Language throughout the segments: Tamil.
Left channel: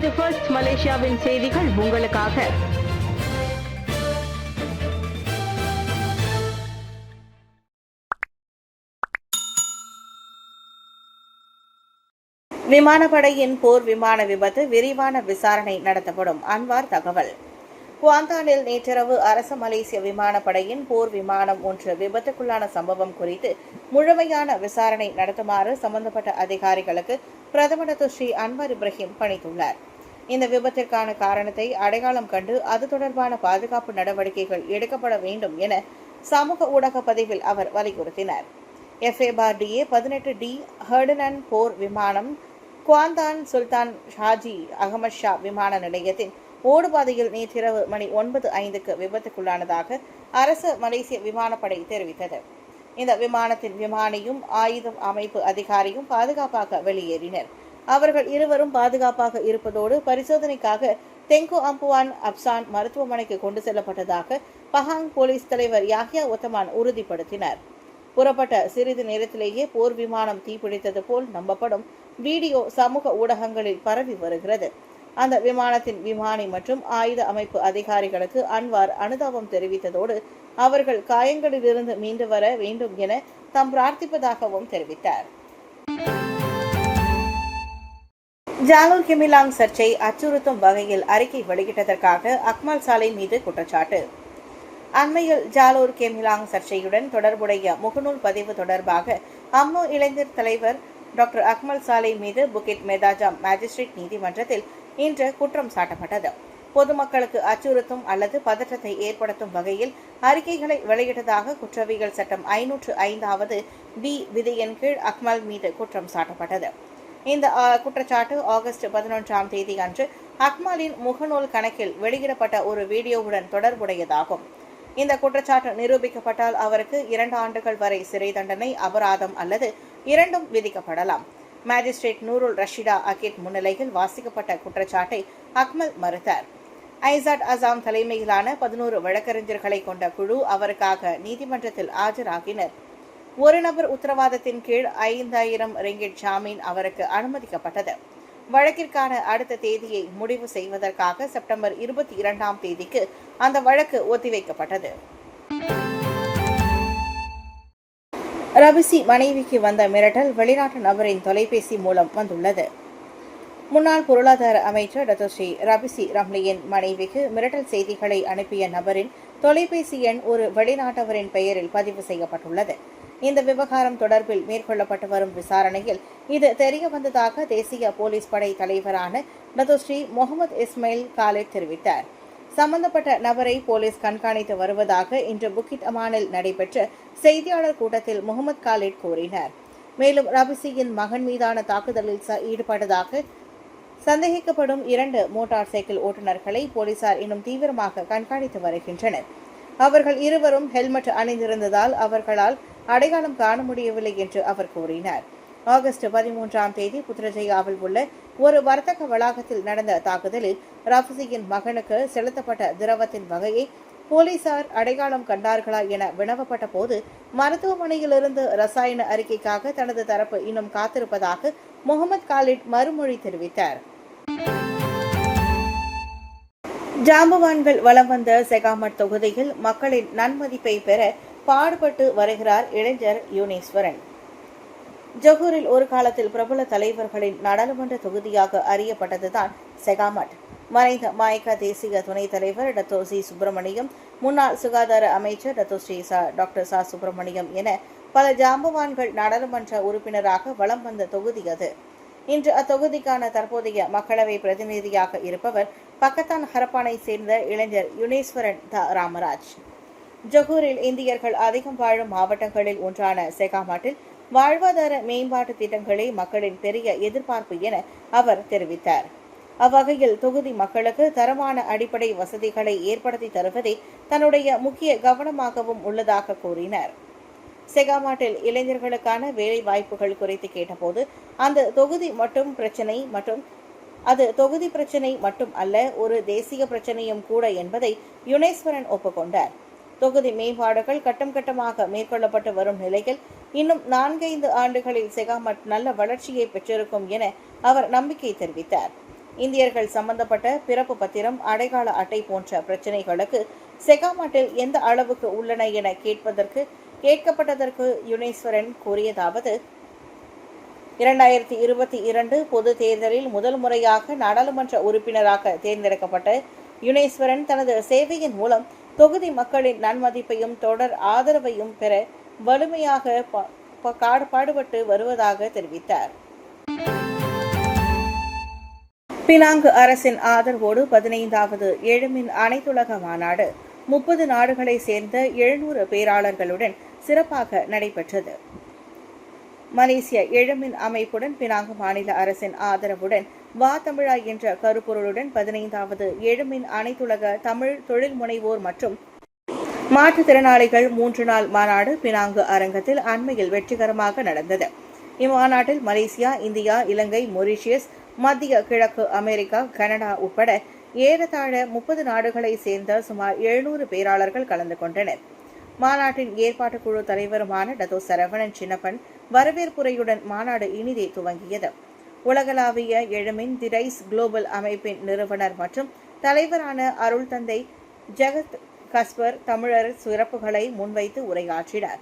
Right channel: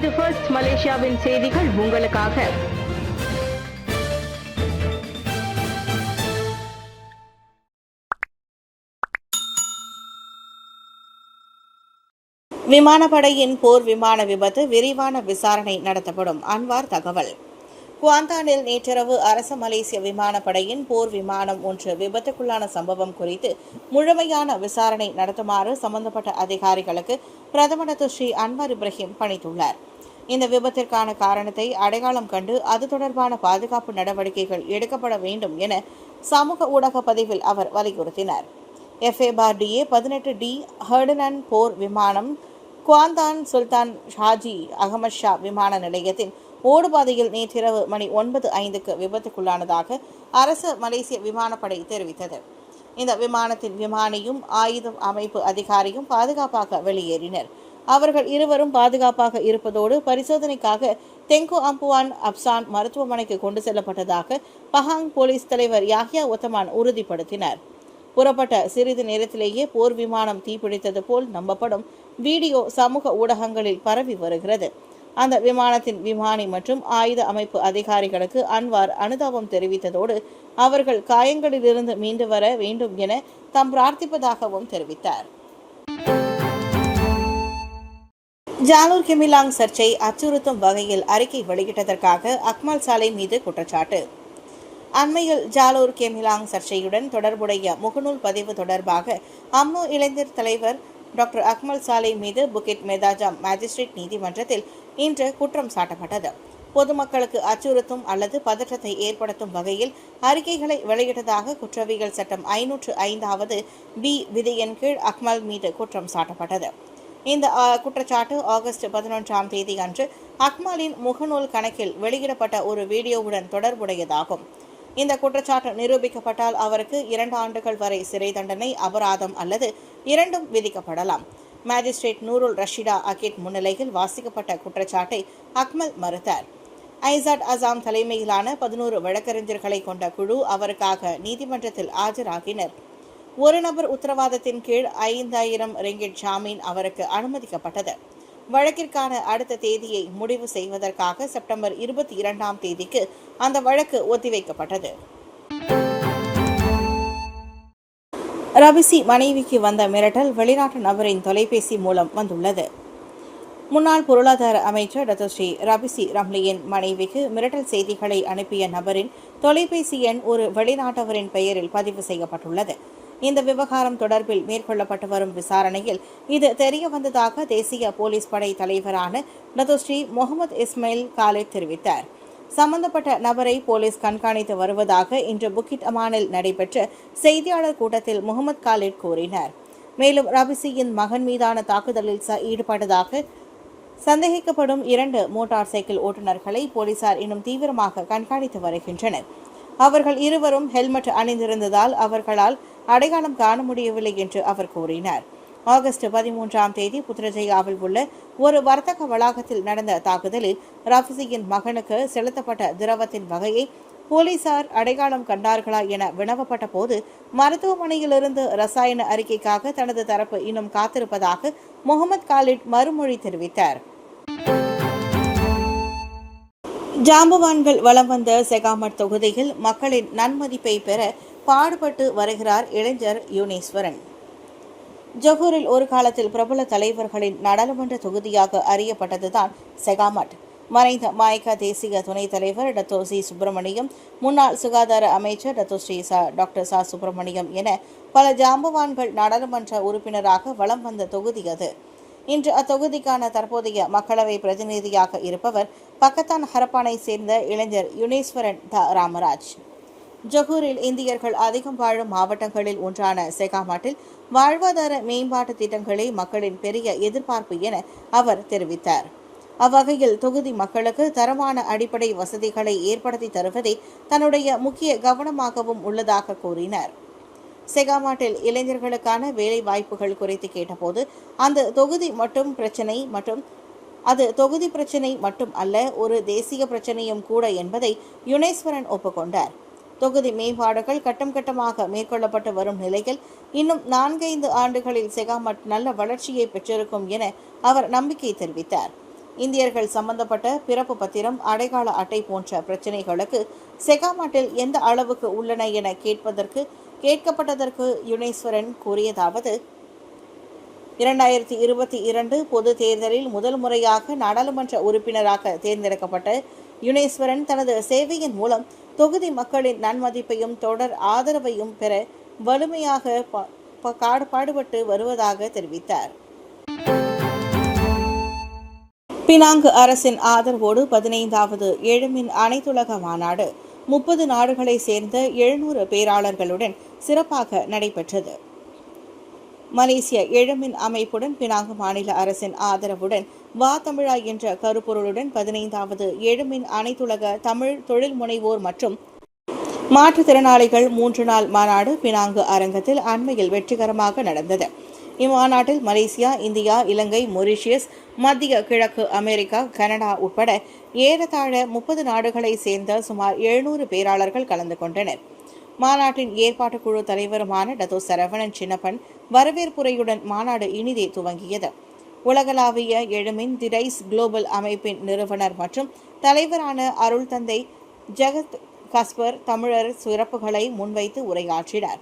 இது ஃபர்ஸ்ட் மலேசியாவின் செய்திகள் உங்களுக்காக. விமானப்படையின் போர் விமான விபத்து விரிவான விசாரணை நடத்தப்படும். அன்வார் தகவல். குவாந்தானில் நேற்றிரவு அரசு மலேசிய விமானப்படையின் போர் விமானம் ஒன்று விபத்துக்குள்ளான சம்பவம் குறித்து முழுமையான விசாரணை நடத்துமாறு சம்பந்தப்பட்ட அதிகாரிகளுக்கு பிரதமர் ஸ்ரீ அன்வார் இப்ராஹிம் பணித்துள்ளார். இந்த விபத்திற்கான காரணத்தை அடையாளம் கண்டு அது தொடர்பான பாதுகாப்பு நடவடிக்கைகள் எடுக்கப்பட வேண்டும் என சமூக ஊடக பதிவில் அவர் வலியுறுத்தினார். FA-DA 18D ஹர்டனன் போர் விமானம் குவாந்தான் சுல்தான் ஷாஜி அகமது ஷா விமான நிலையத்தின் ஓடுபாதையில் நேற்றிரவு மணி 9:05க்கு விபத்துக்குள்ளானதாக அரசு மலேசிய விமானப்படை தெரிவித்தது. இந்த விமானத்தின் விமானியும் ஆயுதம் அமைப்பு அதிகாரியும் பாதுகாப்பாக வெளியேறினர். அவர்கள் இருவரும் பாதுகாப்பாக இருப்பதோடு பரிசோதனைக்காக தெங்கு அம்புவான் அப்சான் மருத்துவமனைக்கு கொண்டு செல்லப்பட்டதாக பஹாங் போலீஸ் தலைவர் யாஹ்யா ஒத்தமான் உறுதிப்படுத்தினார். புறப்பட்ட சிறிது நேரத்திலேயே போர் விமானம் தீப்பிடித்தது போல் நம்பப்படும் வீடியோ சமூக ஊடகங்களில் பரவி வருகிறது. அந்த விமானத்தின் விமானி மற்றும் ஆயுத அமைப்பு அதிகாரிகளுக்கு அன்வார் அனுதாபம் தெரிவித்ததோடு அவர்கள் காயங்களிலிருந்து மீண்டு வர வேண்டும் என தாம் பிரார்த்திப்பதாகவும் தெரிவித்தார். ஜாலூர் கெமிலாங் சர்ச்சை அச்சுறுத்தும் வகையில் அறிக்கை வெளியிட்டதற்காக அக்மல் சாலை மீது குற்றச்சாட்டு. அண்மையில் ஜாலூர் கெமிலாங் சர்ச்சையுடன் தொடர்புடைய முகநூல் பதிவு தொடர்பாக அம்னோ இளைஞர் தலைவர் டாக்டர் அக்மல் சாலை மீது புகிட் மெதாஜாம் மேஜிஸ்ட்ரேட் நீதிமன்றத்தில் இன்று குற்றம் சாட்டப்பட்டது. பொதுமக்களுக்கு அச்சுறுத்தும் அல்லது பதற்றத்தை ஏற்படுத்தும் வகையில் அறிக்கைகளை வெளியிட்டதாக குற்றவியல் சட்டம் 505வது B விதியின் கீழ் அக்மல் மீது குற்றம் சாட்டப்பட்டது. இந்த குற்றச்சாட்டு ஆகஸ்ட் 11ஆம் தேதி அன்று அக்மலின் முகநூல் கணக்கில் வெளியிடப்பட்ட ஒரு வீடியோவுடன் தொடர்புடையதாகும். இந்த குற்றச்சாட்டு நிரூபிக்கப்பட்டால் அவருக்கு 2 ஆண்டுகள் வரை சிறை தண்டனை, அபராதம் அல்லது இரண்டும் விதிக்கப்படலாம். மேஜிஸ்ட்ரேட் நூருல் ரஷீடா அகிட் முன்னிலையில் வாசிக்கப்பட்ட குற்றச்சாட்டை அக்மல் மறுத்தார். ஐசாட் அசாம் தலைமையிலான 11 வழக்கறிஞர்களை கொண்ட குழு அவருக்காக நீதிமன்றத்தில் ஆஜராகினர். ஒரு நபர் உத்தரவாதத்தின் கீழ் 5000 ரிங்கிட் ஜாமீன் அவருக்கு அனுமதிக்கப்பட்டது. வழக்கிற்கான அடுத்த தேதியை முடிவு செய்வதற்காக செப்டம்பர் 22ஆம் தேதிக்கு அந்த வழக்கு ஒத்திவைக்கப்பட்டது. ரபிசி மனைவிக்கு வந்த மிரட்டல் வெளிநாட்டு நபரின் தொலைபேசி மூலம் வந்துள்ளது. முன்னாள் பொருளாதார அமைச்சர் டத்தோஸ்ரீ ரபிசி ரம்லியின் மனைவிக்கு மிரட்டல் செய்திகளை அனுப்பிய நபரின் தொலைபேசி எண் ஒரு வெளிநாட்டவரின் பெயரில் பதிவு செய்யப்பட்டுள்ளது. இந்த விவகாரம் தொடர்பில் மேற்கொள்ளப்பட்டு வரும் விசாரணையில் இது தெரியவந்ததாக தேசிய போலீஸ் படை தலைவரான டத்தோஸ்ரீ முகமது இஸ்மாயில் காலிட் தெரிவித்தார். சம்பந்தப்பட்ட நபரை போலீஸ் கண்காணித்து வருவதாக இன்று புக்கிட் அமானில் நடைபெற்ற செய்தியாளர் கூட்டத்தில் முகமது காலிட் கூறினார். மேலும் ரபிசியின் மகன் மீதான தாக்குதலில் ஈடுபட்டதாக சந்தேகிக்கப்படும் 2 மோட்டார் சைக்கிள் ஓட்டுநர்களை போலீசார் இன்னும் தீவிரமாக கண்காணித்து வருகின்றனர். அவர்கள் இருவரும் ஹெல்மெட் அணிந்திருந்ததால் அவர்களால் அடையாளம் காண முடியவில்லை என்று அவர் கூறினார். ஆகஸ்ட் 13ஆம் தேதி புத்ரஜயாவில் உள்ள ஒரு வர்த்தக வளாகத்தில் நடந்த தாக்குதலில் ரபிசியின் மகனுக்கு செலுத்தப்பட்ட திரவத்தின் வகையை போலீசார் அடையாளம் கண்டார்களா என வினவப்பட்ட போது மருத்துவமனையிலிருந்து ரசாயன அறிக்கைக்காக தனது தரப்பு இன்னும் காத்திருப்பதாக முகமது காலிட் மறுமொழி தெரிவித்தார். ஜாம்பவான்கள் வலம் வந்த செகாமட் தொகுதியில் மக்களின் நன்மதிப்பை பெற பாடுபட்டு வருகிறார் இளைஞர் யுனீஸ்வரன். ஜொஹூரில் ஒரு காலத்தில் பிரபல தலைவர்களின் நாடாளுமன்ற தொகுதியாக அறியப்பட்டதுதான் செகாமட். மறைந்த மாய்கா தேசிய துணைத் தலைவர் டத்தோசி சுப்பிரமணியம், முன்னாள் சுகாதார அமைச்சர் டத்தோஸ்ரீ டாக்டர் சா சுப்பிரமணியம் என பல ஜாம்பவான்கள் நாடாளுமன்ற உறுப்பினராக வலம் வந்த தொகுதி அது. இன்று அத்தொகுதிக்கான தற்போதைய மக்களவை பிரதிநிதியாக இருப்பவர் பக்கத்தான் ஹரப்பானை சேர்ந்த இளைஞர் யுனீஸ்வரன் ராமராஜ். ஜொஹூரில் இந்தியர்கள் அதிகம் வாழும் மாவட்டங்களில் ஒன்றான செகாமட்டில் வாழ்வாதார மேம்பாட்டு திட்டங்களே மக்களின் பெரிய எதிர்பார்ப்பு என அவர் தெரிவித்தார். அவ்வகையில் தொகுதி மக்களுக்கு தரமான அடிப்படை வசதிகளை ஏற்படுத்தி தருவதே தன்னுடைய முக்கிய கவனமாகவும் உள்ளதாக கூறினார். செகாமட்டில் இளைஞர்களுக்கான வேலை வாய்ப்புகள் குறித்து கேட்டபோது அந்த தொகுதி பிரச்சினை மட்டும் அல்ல, ஒரு தேசிய பிரச்சனையும் கூட என்பதை யுனீஸ்வரன் ஒப்புக்கொண்டார். தொகுதி மேம்பாடுகள் கட்டம் கட்டமாக மேற்கொள்ளப்பட்டு வரும் நிலையில் இன்னும் 4-5 ஆண்டுகளில் செகாமட் நல்ல வளர்ச்சியை பெற்றிருக்கும் என அவர் நம்பிக்கை தெரிவித்தார். இந்தியர்கள் சம்பந்தப்பட்ட பிறப்பு பத்திரம், அடையாள அட்டை போன்ற பிரச்சினைகளுக்கு செகாமாட்டில் எந்த அளவுக்கு உள்ளன என கேட்கப்பட்டதற்கு யுனேஸ்வரன் கூறியதாவது: 2022 பொது தேர்தலில் முதல் முறையாக நாடாளுமன்ற உறுப்பினராக தேர்ந்தெடுக்கப்பட்ட யுனேஸ்வரன் தனது சேவையின் மூலம் தொகுதி மக்களின் நன்மதிப்பையும் தொடர் ஆதரவையும் பெற வலிமையாக பாடுபட்டு வருவதாக தெரிவித்தார். பினாங்கு அரசின் ஆதரவோடு 15வது எழுமின் அனைத்துலக மாநாடு 30 நாடுகளை சேர்ந்த 700 பேராளர்களுடன் சிறப்பாக நடைபெற்றது. மலேசிய எழுமின் அமைப்புடன் பினாங்கு மாநில அரசின் ஆதரவுடன் வா தமிழா என்ற கருப்பொருளுடன் 15வது எழுமின் அனைத்துலக தமிழ் தொழில் முனைவோர் மற்றும் மாற்றுத்திறனாளிகள் 3 நாள் மாநாடு பினாங்கு அரங்கத்தில் அண்மையில் வெற்றிகரமாக நடந்தது. இம்மாநாட்டில் மலேசியா, இந்தியா, இலங்கை, மொரீஷியஸ், மத்திய கிழக்கு அமெரிக்கா, கனடா உட்பட ஏறத்தாழ 30 நாடுகளை சேர்ந்த சுமார் 700 பேராளர்கள் கலந்து கொண்டனர். மாநாட்டின் ஏற்பாட்டுக் குழு தலைவருமான டத்தோ சரவணன் சின்னப்பன் வரவேற்புரையுடன் மாநாடு இனிதே துவங்கியது. உலகளாவிய எழுமின் தி ரைஸ் குளோபல் அமைப்பின் நிறுவனர் மற்றும் தலைவரான அருள் தந்தை ஜெகத் கஸ்பர் தமிழர் சிறப்புகளை முன்வைத்து உரையாற்றினார்.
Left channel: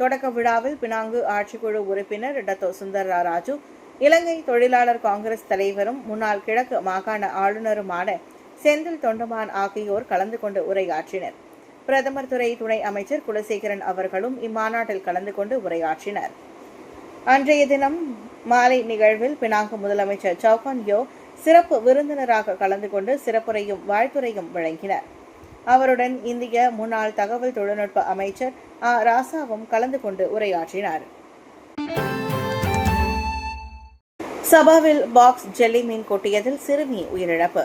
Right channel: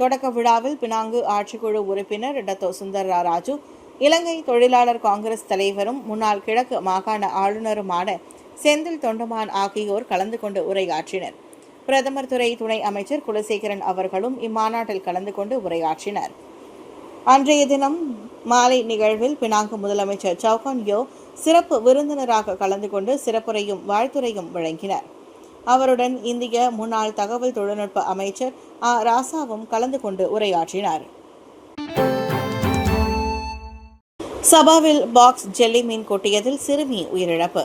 தொடக்க விழாவில் பினாங்கு ஆட்சிக்குழு உறுப்பினர் டத்தோ சுந்தரா ராஜு, இலங்கை தொழிலாளர் காங்கிரஸ் தலைவரும் முன்னாள் கிழக்கு மாகாண ஆளுநருமான செந்தில் தொண்டமான் ஆகியோர் கலந்து கொண்டு உரையாற்றினர். பிரதமர் துறை துணை அமைச்சர் குலசேகரன் அவர்களும் இம்மாநாட்டில் கலந்து கொண்டு உரையாற்றினர். அன்றைய தினம் மாலை நிகழ்வில் பினாங்கு முதலமைச்சர் சவுகான் யோ சிறப்பு விருந்தினராக கலந்து கொண்டு சிறப்புரையும் வாழ்த்துரையும் வழங்கினார். அவருடன் இந்திய முன்னாள் தகவல் தொழில்நுட்ப அமைச்சர் ராசாவும் கலந்து கொண்டு உரையாற்றினார். சபாவில் பாக்ஸ் ஜெல்லி மீன் கொட்டியதில் சிறுமி உயிரிழப்பு.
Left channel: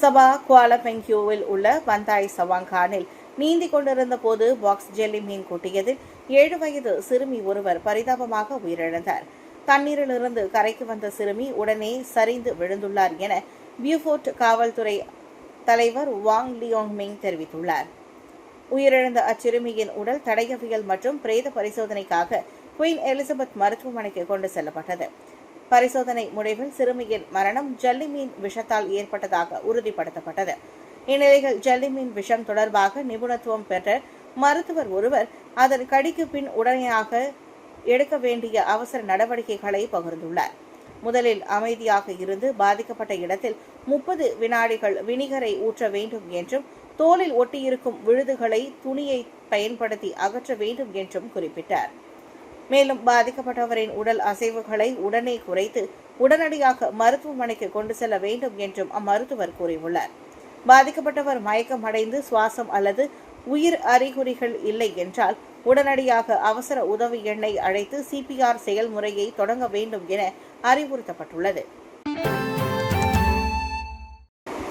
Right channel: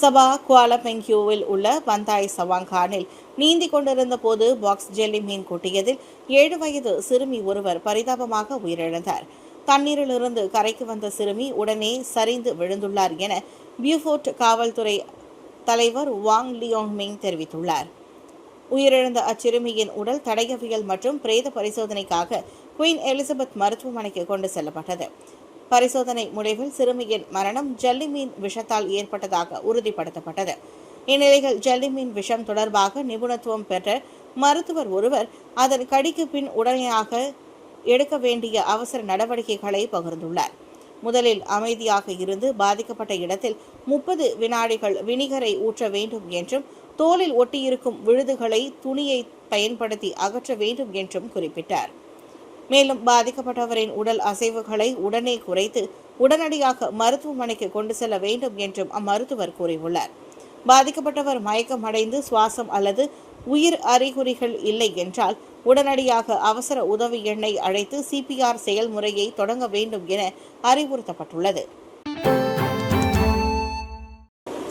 சபா குவாலபெங்கியூவில் உள்ள பந்தாய் சவாங்கானில் நீந்தி கொண்டிருந்த போது பாக்ஸ் ஜெல்லி மீன் கொட்டியதில் 7 வயது சிறுமி ஒருவர் பரிதாபமாக உயிரிழந்தார். தண்ணீரிலிருந்து கரைக்கு வந்த சிறுமி உடனே சரிந்து விழுந்துள்ளார் என பியூஃபோர்ட் காவல்துறை தலைவர் வாங் லியோங் மிங் தெரிவித்துள்ளார். உயிரிழந்த அச்சிறுமியின் உடல் தடயவியல் மற்றும் பிரேத பரிசோதனைக்காக குயின் எலிசபெத் மருத்துவமனைக்கு கொண்டு செல்லப்பட்டது. பரிசோதனை முடிவில் சிறுமியின் மரணம் ஜல்லி மீன் விஷத்தால் ஏற்பட்டதாக உறுதிப்படுத்தப்பட்டது. இந்நிலையில் ஜல்லி மீன் விஷம் தொடர்பாக நிபுணத்துவம் பெற்ற மருத்துவர் ஒருவர் அதன் கடிக்கு பின் உடனடியாக எடுக்க வேண்டிய அவசர நடவடிக்கைகளை பகிர்ந்துள்ளார். முதலில் அமைதியாக இருந்து பாதிக்கப்பட்ட இடத்தில் 30 வினாடிகள் வினிகரை ஊற்ற வேண்டும் என்றும் தோலில் ஒட்டியிருக்கும் விழுதுகளை துணியை பயன்படுத்தி அகற்ற வேண்டும் என்றும் குறிப்பிட்டார். மேலும் பாதிக்கப்பட்டவரின் உடல் அசைவுகளை உடனே குறைத்து உடனடியாக மருத்துவமனைக்கு கொண்டு செல்ல வேண்டும் என்றும் அம்மருத்துவர் கூறியுள்ளார். பாதிக்கப்பட்டவர் மயக்கம் அடைந்து சுவாசம் அல்லது உயிர் அறிகுறிகள் இல்லை என்றால் உடனடியாக அவசர உதவி எண்ணை அழைத்து CPR செயல்முறையை தொடங்க வேண்டும் என அறிவுறுத்தப்பட்டுள்ளது.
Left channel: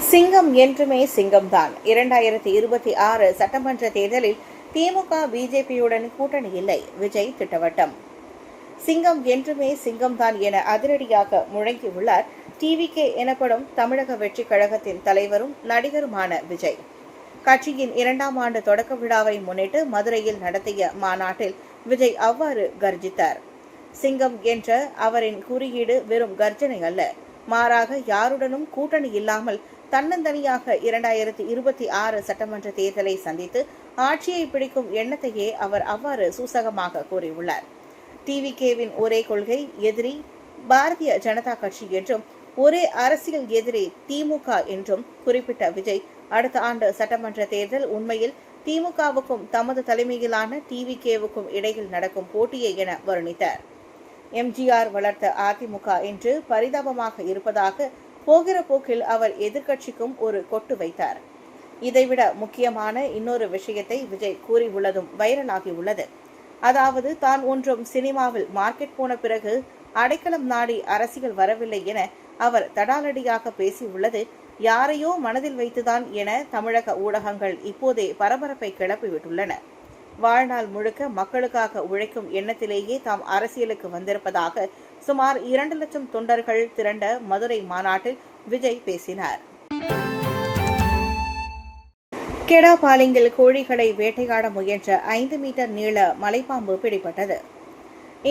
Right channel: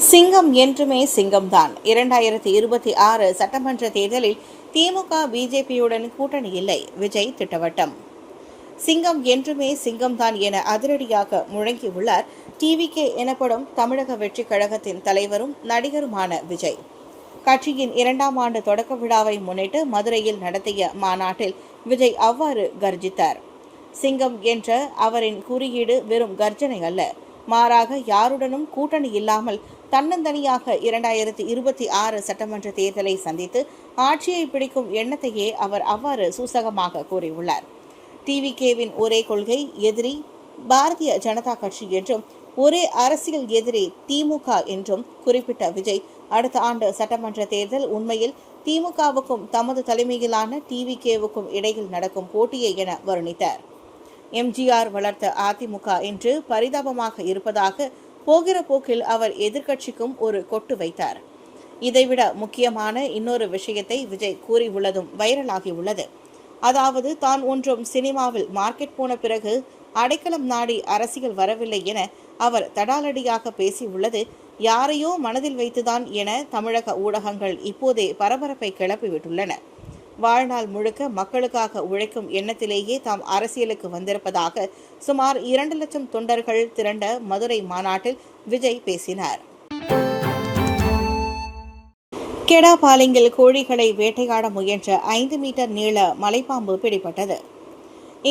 சிங்கம் என்றுமே சிங்கம்தான். 2026 சட்டமன்ற தேர்தலில் திமுக பிஜேபியுடன் கூட்டணி இல்லை, விஜய் திட்டவட்டம். சிங்கம் என்றுமே சிங்கம்தான் என அதிரடியாக முழங்கியுள்ளார் TVK எனப்படும் தமிழக வெற்றி கழகத்தின் தலைவரும் நடிகருமான விஜய். கட்சியின் 2ஆம் ஆண்டு தொடக்க விழாவை முன்னிட்டு மதுரையில் நடத்திய மாநாட்டில் விஜய் அவ்வாறு கர்ஜித்தார். சிங்கம் என்ற அவரின் குறியீடு வெறும் கர்ஜனை அல்ல, மாறாக யாருடனும் கூட்டணி இல்லாமல் தன்னந்தனியாக 2026 சட்டமன்ற தேர்தலை சந்தித்து ஆட்சியை பிடிக்கும் எண்ணத்தையே அவர் அவ்வாறு சூசகமாக கூறியுள்ளார். TVKவின் ஒரே கொள்கை எதிரி பாரதிய ஜனதா கட்சி என்றும் ஒரே அரசியல் எதிரி திமுக என்றும் குறிப்பிட்ட விஜய் அடுத்த ஆண்டு சட்டமன்ற தேர்தல் உண்மையில் திமுகவுக்கும் தமது தலைமையிலான TVKவுக்கும் இடையில் நடக்கும் போட்டியே என வர்ணித்தார். MGR வளர்த்த அதிமுக என்று பரிதாபமாக இருப்பதாக போகிற போக்கில் அவர் எதிர்க்கட்சிக்கும் ஒரு கொட்டு வைத்தார். இதைவிட முக்கியமான இன்னொரு விஷயத்தை விஜய் கூறியுள்ளதும் வைரலாகியுள்ளது. அதாவது தான் ஒன்றும் சினிமாவில் மார்க்கெட் போன பிறகு அடைக்கலம் நாடி அரசியல் வரவில்லை என அவர் தடாலடியாக பேசியுள்ளது யாரையோ மனதில் வைத்துதான் என தமிழக ஊடகங்கள் இப்போதே பரபரப்பை கிளப்பிவிட்டுள்ளன. வாழ்நாள் முழுக்க மக்களுக்காக உழைக்கும் எண்ணத்திலேயே தாம் அரசியலுக்கு வந்திருப்பதாக சுமார் 2 லட்சம் தொண்டர்கள் திரண்ட மதுரை மாநாட்டில் விஜய் பேசினார். கெடாபாலிங்கில் கோழிகளை வேட்டையாட முயன்ற 5 மீட்டர் நீள மலைப்பாம்பு பிடிபட்டது.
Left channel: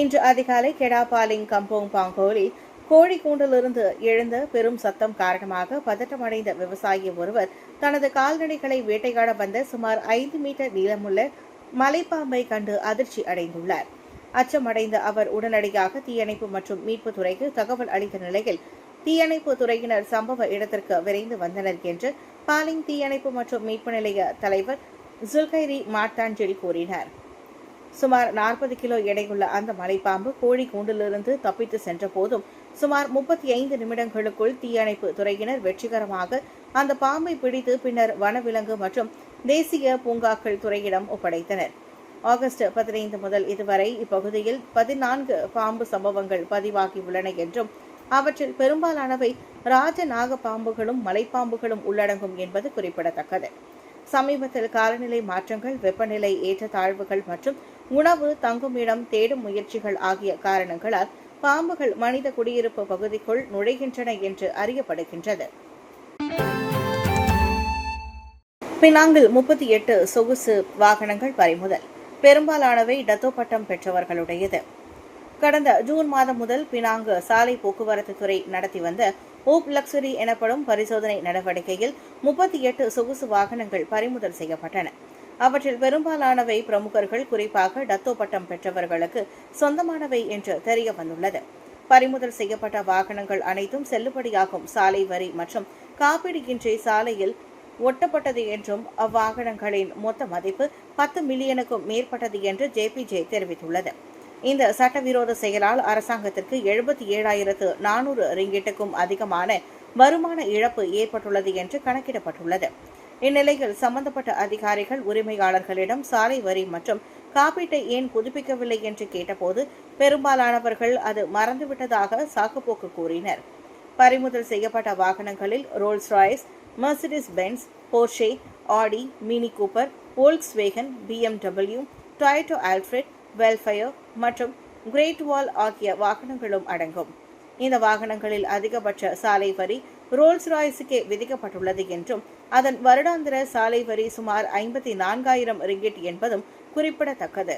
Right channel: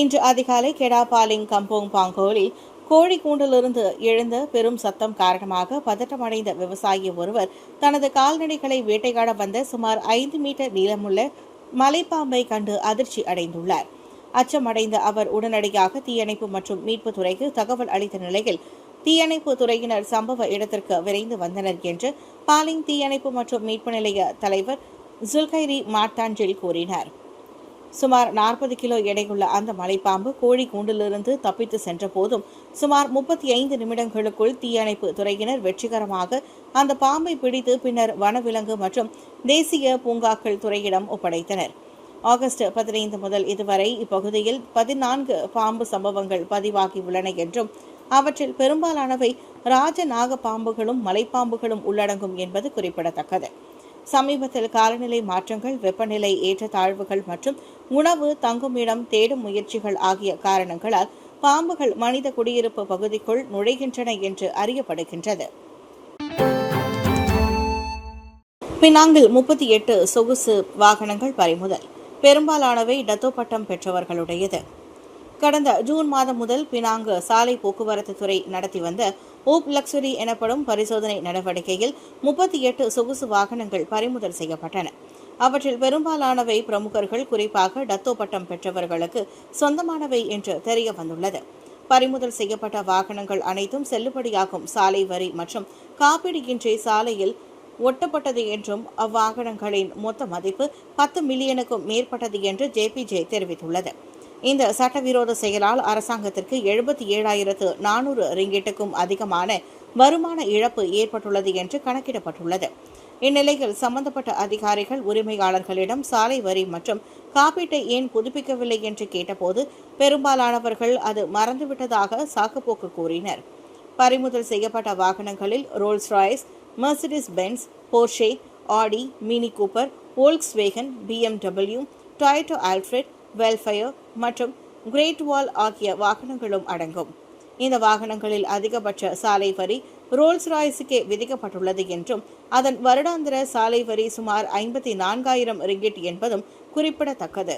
இன்று அதிகாலை கெடாபாலிங் கம்போங் பாங்கோலில் கோழிக்கூண்டிலிருந்து எழுந்த பெரும் சத்தம் காரணமாக பதட்டமடைந்த விவசாயி ஒருவர் தனது கால்நடைகளை வேட்டையாட வந்த சுமார் 5 மீட்டர் நீளமுள்ள மலைப்பாம்பை கண்டு அதிர்ச்சி அடைந்துள்ளார். அச்சமடைந்த அவர் உடனடியாக தீயணைப்பு மற்றும் மீட்பு துறைக்கு தகவல் அளித்த நிலையில் தீயணைப்பு துறையினர் சம்பவ இடத்திற்கு விரைந்து வந்தனர் என்று பாலிங் தீயணைப்பு மற்றும் மீட்பு நிலைய தலைவர் ஜுல்கைரி மாட்டாஞ்சில் கூறினார். சுமார் 40 கிலோ எடையுள்ள அந்த மலைப்பாம்பு கோழி கூண்டிலிருந்து தப்பித்து சென்ற போதும் சுமார் 35 நிமிடங்களுக்குள் தீயணைப்பு துறையினர் வெற்றிகரமாக அந்த பாம்பை பிடித்து பின்னர் வனவிலங்கு மற்றும் தேசிய பூங்காக்கள் துறையிடம் ஒப்படைத்தனர். ஆகஸ்ட் 15 முதல் இதுவரை இப்பகுதியில் 14 பாம்பு சம்பவங்கள் பதிவாகியுள்ளன என்றும் அவற்றில் பெரும்பாலானவை ராஜநாக பாம்புகளும் மலைப்பாம்புகளும் உள்ளடங்கும் என்பது குறிப்பிடத்தக்கது. சமீபத்தில் காலநிலை மாற்றங்கள், வெப்பநிலை ஏற்றத்தாழ்வுகள் மற்றும் உணவு, தங்குமிடம் தேடும் முயற்சிகள் ஆகிய காரணங்களால் பாம்புகள் மனித குடியிருப்பு பகுதிக்குள் நுழைகின்றன என்று அறியப்படுகின்றது. பினாங்கில் 38 சொகுசு வாகனங்கள் பறிமுதல். பெரும்பாலானவை டத்தோ பட்டம் பெற்றவர்களுடையது. கடந்த ஜூன் மாதம் முதல் பினாங்கு சாலை போக்குவரத்து துறை நடத்தி வந்த ஓப் லக்ஸுரி எனப்படும் பரிசோதனை நடவடிக்கையில் 38 சொகுசு வாகனங்கள் பறிமுதல் செய்யப்பட்டன. அவற்றில் பெரும்பாலானவை பிரமுகர்கள், குறிப்பாக டத்தோ பட்டம் பெற்றவர்களுக்கு சொந்தமானவை என்று தெரிய வந்துள்ளது. பறிமுதல் செய்யப்பட்ட வாகனங்கள் அனைத்தும் செல்லுபடியாகும் சாலை வரி மற்றும் காப்பீடு இன்றி சாலையில் ஒட்டப்பட்டது என்றும் அவ்வாகனங்களின் மொத்த மதிப்பு 10 மில்லியனுக்கும் மேற்பட்டது என்று ஜேபிஜே தெரிவித்துள்ளது. இந்த சட்டவிரோத செயலால் அரசாங்கத்திற்கு 77,400 ரிங்கிட்டுக்கும் அதிகமான வருமான இழப்பு ஏற்பட்டுள்ளது என்று கணக்கிடப்பட்டுள்ளது. இந்நிலையில் சம்பந்தப்பட்ட அதிகாரிகள் உரிமையாளர்களிடம் சாலை வரி மற்றும் காப்பீட்டை ஏன் புதுப்பிக்கவில்லை என்று கேட்டபோது பெரும்பாலானவர்கள் அது மறந்துவிட்டதாக சாக்குப்போக்கு கூறினர். பறிமுதல் செய்யப்பட்ட வாகனங்களில் Rolls Royce, Mercedes Benz, Porsche, Audi, Mini Cooper, Volkswagen, BMW, Toyota Alphard, Vellfire மற்றும் கிரேட் வால் ஆகிய வாகனங்களும் அடங்கும். இந்த வாகனங்களில் அதிகபட்ச சாலை வரி ரோல்ஸ் ராய்ஸுக்கே விதிக்கப்பட்டுள்ளது என்றும் அதன் வருடாந்திர சாலை வரி சுமார் 54,000 ரிங்கிட் என்பதும் குறிப்பிடத்தக்கது.